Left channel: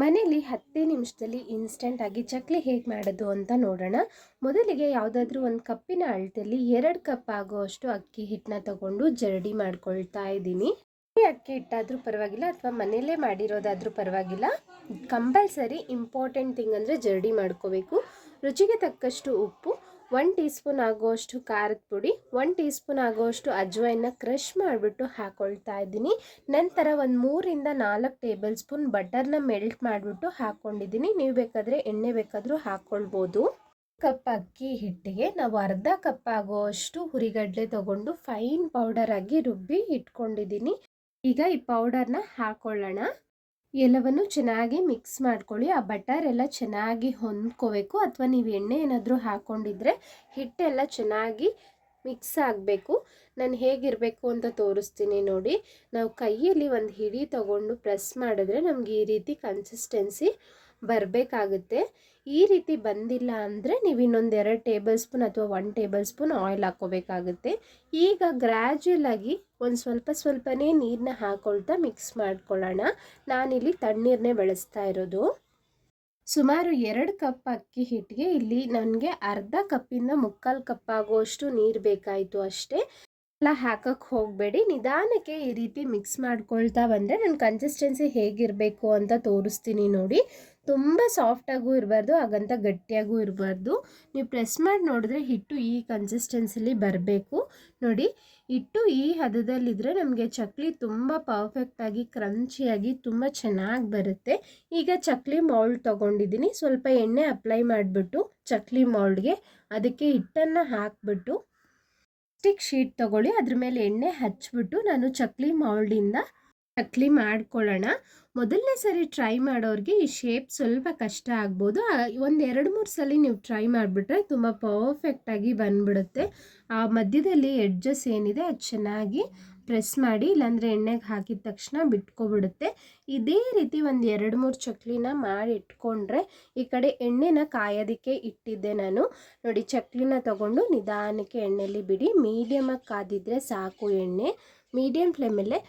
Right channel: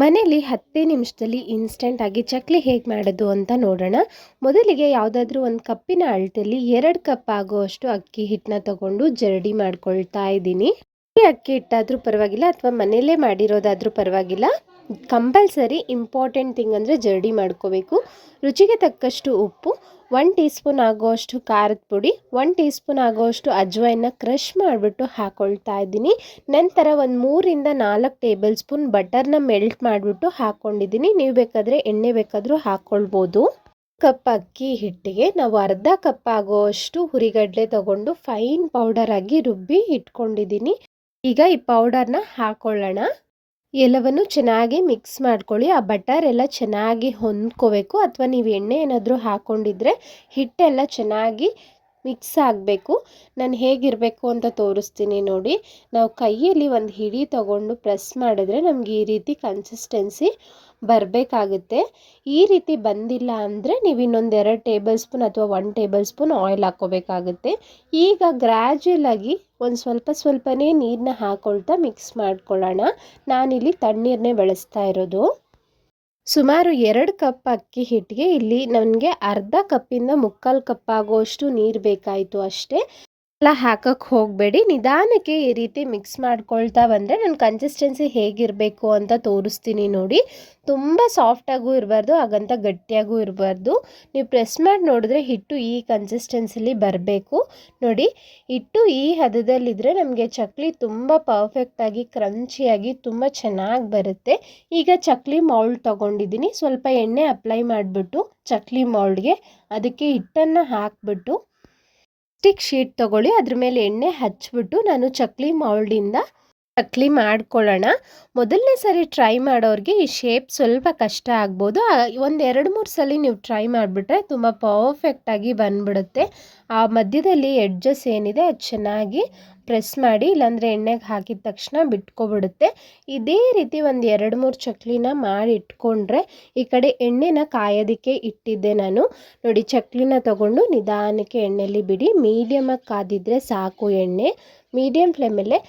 ಮನೇಲಿ 10 ನಿಮಿಷದಲ್ಲಿ ಇನ್ಸ್ಟೆಂಟಾಗಿ ಚಕ್ಲಿ ಹೇಗೆ ಮಾಡೋದು ಅಂತ ನೋಡೋಣ. ಮೊದಲಿಗೆ ಯಾವುದಾದ್ರೂ ಒಂದು ಕಪ್ಪಿನ ಅಳತೆಯಲ್ಲಿ 2 ಕಪ್ ಆಗುವಷ್ಟು ಅಕ್ಕಿ ಹಿಟ್ಟನ್ನ ತಗೊಂಡು ಜರಡಿ ಮಾಡ್ಕೊಳ್ತಾ ಇದ್ದೀನಿ. ಈ ಅಕ್ಕಿ ಹಿಟ್ಟಾದರೂ ಪರವಾಗಿಲ್ಲ ಅಥವಾ ಮನೆಯಲ್ಲೇ ಮಾಡಿರೋದಾದರೂ ಪರವಾಗಿಲ್ಲ. ಕಂಪಲ್ಸರಿ ಇಂಪಾರ್ಟೆಂಟ್ ಥಿಂಗ್ ಅಂದರೆ ಜರಡಿ ಮಾಡ್ಕೋಬೇಕು. ರುಚಿಗೆ ತಕ್ಕಷ್ಟು ಉಪ್ಪು, 1 ಟೀ ಸ್ಪೂನ್ ಆಗುವಷ್ಟು ಖಾರದ ಪುಡಿ, 1 ಟೀ ಸ್ಪೂನ್ ಆಗುವಷ್ಟು ಅಜ್ವಾಯಿನ ಕ್ರಷ್ ಮಾಡಿಬಿಟ್ಟು ಹಾಕ್ಕೊಳ್ತಾ ಇದ್ದೀನಿ. ನಂತರ ಒಂದು 3ರಿಂದ 4 ಟೇಬಲ್ ಸ್ಪೂನ್ ಬಟರ್ನ ಮೆಲ್ಟ್ ಮಾಡಿಬಿಟ್ಟು ಹಾಕ್ಕೊಂಡಿದ್ದೀನಿ. ನೀವು ಬೇಕಾದರೆ ಎಣ್ಣೆ ಬೇಕಾದರೂ ಹಾಕ್ಕೊಳ್ಬೋದು. ಕಪ್ ಅಕ್ಕಿ ಹಿಟ್ಟಿಗೆ ನಾವು ಅರ್ಧ ಕಪ್ ಆಗುವಷ್ಟು ಹುರಿಗಡಲೆ ತಗೊಂಡು ಫೈನ್ ಪೌಡರ್ ಆಗಿ ರುಬ್ಬಿ ಇಟ್ಕೊಂಡಿದ್ದೀನಿ. ಈಗ ಈ ಪೌಡರ್ನ ಹಾಕ್ಕೊಳ್ಳೋಣ. ಎಲ್ಲವನ್ನು ಚೆನ್ನಾಗಿ ಮಿಕ್ಸ್ ಮಾಡ್ಕೊಳ್ಳಿ. ಆ ಬಟರ್ ಎಲ್ಲ ಚೆನ್ನಾಗಿ ಹೊಂದ್ಕೋಬೇಕು, ಅಥವಾ ನೀವು ಎಣ್ಣೆ ಏನಾದರೂ ಹಾಕ್ಕೊಂಡಿದ್ರೆ ಹಿಟ್ಟೆಲ್ಲ ಚೆನ್ನಾಗಿ ಮಿಕ್ಸ್ ಆಗಬೇಕು. ನಾನು ಹೇಗಿರಬೇಕು ಅಂತ ತೋರಿಸ್ತೀನಿ ನೋಡಿ. ನಾವು ಕೈಯಲ್ಲಿ ಒಂದು ಹಿಡಿ ತಗೊಂಡು ಪ್ರೆಸ್ ಮಾಡಿದ್ರೆ ನಮಗೆ ಈ ರೀತಿ ಕನ್ಸಿಸ್ಟೆನ್ಸಿ ಬರಬೇಕಾಗುತ್ತೆ. ಈ ರೀತಿ ಬಂದಿಲ್ಲ ಅಂದರೆ ನೀವು ಇನ್ನೊಂದು 2 ಟೇಬಲ್ ಸ್ಪೂನ್ ಅಥವಾ 1 ಟೇಬಲ್ ಸ್ಪೂನ್ ಆಯಿಲ್ ಹಾಕ್ಕೋಬೇಕಾಗುತ್ತೆ. ಈಗ ಗ್ರ್ಯಾಜುಯಲ್ ಆಗಿ ಒಂದು ಸ್ವಲ್ಪನೇ ನೀರನ್ನ ಹಾಕ್ಕೊಳ್ತಾ ಮಿಕ್ಸ್ ಮಾಡ್ಕೊಳ್ಳೋಣ. ನಾನಿಲ್ಲಿ ತಣ್ಣೀರನ್ನೇ ಬಳಸ್ತಾ ಇರೋದು. ಸುಮಾರು 2 ಕಪ್ ಅಕ್ಕಿ ಹಿಟ್ಟಿಗೆ ಇಲ್ಲಿ ನನಗೆ ಅರ್ಧ ಕಪ್ಪಿಂದ 3/4 ಕಪ್ ಆಗುವಷ್ಟು ನೀರು ಬೇಕಾಯಿತು ಅಷ್ಟೇ. ಎಲ್ಲ ಹಾಕಕ್ಕೆ ಹೋಗಬೇಡಿ, ನಿಧಾನಕ್ಕೆ ಈ ರೀತಿ ಮಿಕ್ಸ್ ಮಾಡ್ಕೊಳ್ತಾ ಬಂದರೆ ನನ್ನ ಕನ್ಸಿಸ್ಟೆನ್ಸಿ ಹೇಗಿರಬೇಕು ಅಂತ ತೋರಿಸ್ತೀನಿ ನೋಡಿ. ತುಂಬ ಸಾಫ್ಟಾಗೂ ಇರಬಾರ್ದು, ಹಾಗಂತ ಗಟ್ಟಿಯಾಗೂ ಇರಬಾರ್ದು. ನೀವು ಪ್ರೆಸ್ ಮಾಡಿ ನೋಡಿದ್ರೆ ಹಿಟ್ಟು ಈ ಕನ್ಸಿಸ್ಟೆನ್ಸಿಲಿ ಬರಬೇಕು ನೋಡಿ. ಹಿಟ್ಟು ಈ ಹದದಲ್ಲಿದ್ದರೆ ನಮಗೆ ಚಕ್ಲಿ ತುಂಬ ಪರ್ಫೆಕ್ಟಾಗಿ ಕ್ರಂಚಿಯಾಗಿ ತುಂಬ ಚೆನ್ನಾಗಿ ಬರುತ್ತೆ. ಈಗ ಚಕ್ಲಿ ಮೌಲ್ಡ್ ತೊಗೊಂಡಿದ್ದೀನಿ. ಸ್ವಲ್ಪ ಎಣ್ಣೆ ಅಪ್ಲೈ ಮಾಡಿಬಿಟ್ಟು ಚಕ್ಲಿ ಮೌಲ್ಡ್ಗೆ ಅದಕ್ಕೆ ಹಿಟ್ಟನ್ನು ಹಾಕಿಬಿಟ್ಟು ಸ್ಟಿಕ್ ಶೀಟ್ ತೊಗೊಳ್ಳಿ, ಅದ್ರ ಮೇಲೆ ಎಣ್ಣೆ ಹಚ್ಬಿಟ್ಟು ನಾನು ಚಕ್ಲಿ ಮೌಲ್ಡಿಂದ ಚಕ್ಲಿ ಮಾಡ್ಕೊಳ್ಳೋಣ. ಮೊದಲನೇ ಸರಿ ಟ್ರೈ ಮಾಡೋರಿಗೆ ಈ ಶೇಪ್ ಸ್ವಲ್ಪ ಕಷ್ಟ ಆಗ್ಬೋದು. ಒಂದು 2-3 ಸಲ ನೀವು ಟ್ರೈ ಮಾಡಿಬಿಟ್ರೆ ತುಂಬ ಪರ್ಫೆಕ್ಟಾಗಿ ಬಂದ್ಬಿಡುತ್ತೆ. ಆ ಮಧ್ಯದಲ್ಲಿ ಎಡ್ಜಸ್ ಏನಿದೆ ಅದು ಚೆನ್ನಾಗಿ ಪ್ರೆಸ್ ಮಾಡಿ, ಇಲ್ಲಾಂದರೆ ಎಣ್ಣೆಗೆ ಹಾಕಿದ ತಕ್ಷಣ ಬಿಟ್ಕೊಬಿಡುತ್ತೆ. ಇದೇ ರೀತಿ ಒಂದು 2-3 ಚಕ್ಲಿನ ಮಾಡಿ ಇಟ್ಕೊಂಡ್ರೆ, ಈ ಕಡೆ ಎಣ್ಣೆನ ಕಾಯೋದಕ್ಕೆ ಇಟ್ಟಿದ್ದೆ ನಾನು ನೋಡಿ. ಚಕ್ಲಿನ ತಗೊಂಡು ನಿಧಾನಕ್ಕೆ ಎಣ್ಣೆಯಲ್ಲಿ ಬಿಡಿ. ಮೀಡಿಯಮಾಗಿ ಕಾದಿದ್ರೆ ಸಾಕು ಎಣ್ಣೆ. ಮೀಡಿಯಮ್ ಫ್ಲೇಮಲ್ಲೇ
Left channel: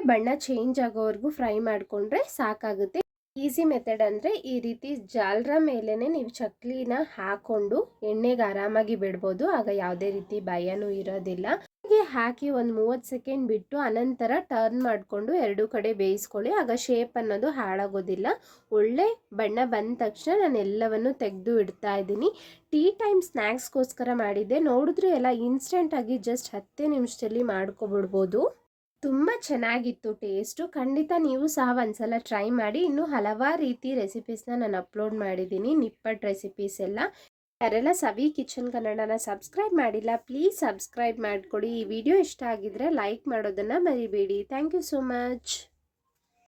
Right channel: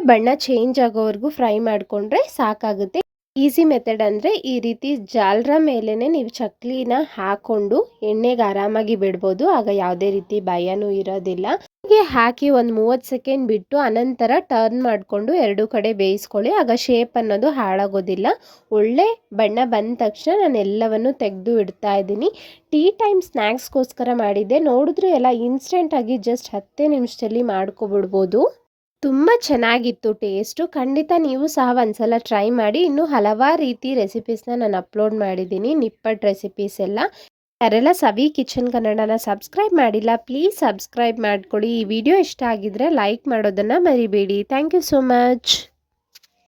ಬಣ್ಣ ಚೇಂಜ್ ಆಗೋವರೆಗೂ ಫ್ರೈ ಮಾಡಿಕೊಂಡ್ರೆ ಸಾಕಾಗುತ್ತೆ. ಈಸಿ ಮೆಥಡ್ ಅಂದರೆ ಈ ರೀತಿ ಜಾಲರ ಮೇಲೇ ನೀವು ಚಕ್ಲಿನ ಹಾಕ್ಕೊಂಡು ಎಣ್ಣೆಗೆ ಆರಾಮಾಗಿ ಬಿಡ್ಬೋದು. ಆಗ ಯಾವುದೇ ರೀತಿ ಭಯನೂ ಇರೋದಿಲ್ಲ. ಹೀಗೆ ಹಾಕಿ ಒಂದು 30 ಸೆಕೆಂಡ್ ಬಿಟ್ಟು ಅನಂತರ ಟರ್ನ್ ಮಾಡಿಕೊಂಡು 2 ಕಡೆ ಬೇಯಿಸ್ಕೊಳ್ಳಿ. ಆಗ ಶೇಪ್ ಅನ್ನೋದು ಹಾಳಾಗೋದಿಲ್ಲ. ಒಳ್ಳೆ ಬಣ್ಣ ಬಂದ ತಕ್ಷಣ ನಾನು ಎಲ್ಲವನ್ನು ತೆಗೆದು ಇಡ್ತಾ ಇದ್ದೀನಿ. ಟೀ ಟೈಮ್ ಸ್ನ್ಯಾಕ್ಸ್ಗೋಸ್ಕರ ಮಾಡಿದ್ದೆ. ನೋಡಿದ್ರೆ ಎಲ್ಲ ಇನ್ಸ್ಟೆಂಟಾಗಿ ಜಸ್ಟ್ 10 ನಿಮಿಷದಲ್ಲಿ ಮಾಡ್ಕೊಬಿಡ್ಬೋದು. ತುಂಬ ಚೆನ್ನಾಗಿತ್ತು ಟೇಸ್ಟು. ಖಂಡಿತ ನೀವು ಸಹ ಒಂದ್ಸಲ ಟ್ರೈ ಮಾಡಿ. ಇನ್ನೂ ಹಲವಾರು ರೀತಿ ರೆಸಿಪೀಸ್ನ ನಾನು ಅಪ್ಲೋಡ್ ಮಾಡಿದ್ದೀನಿ, ನಿಪ್ಪಟ್ಟು ರೆಸಿಪೀಸ್ ಎಲ್ಲ. ಯಾರೆಲ್ಲ ಸವಿ ಕಿಚನ್ ಕನ್ನಡನ ಸಬ್ಸ್ಕ್ರೈಬ್ ಮಾಡಿಲ್ಲ, ಪ್ಲೀಸ್ ಸಬ್ಸ್ಕ್ರೈಬ್ ಮಾಡಿಕೊಡಿ. ಈ ವಿಡಿಯೋ ಇಷ್ಟ ಆಗಿದ್ರೆ ಲೈಕ್ ಮಾಡೋದನ್ನು ಮರಿಬೇಡಿ. Thank you so much.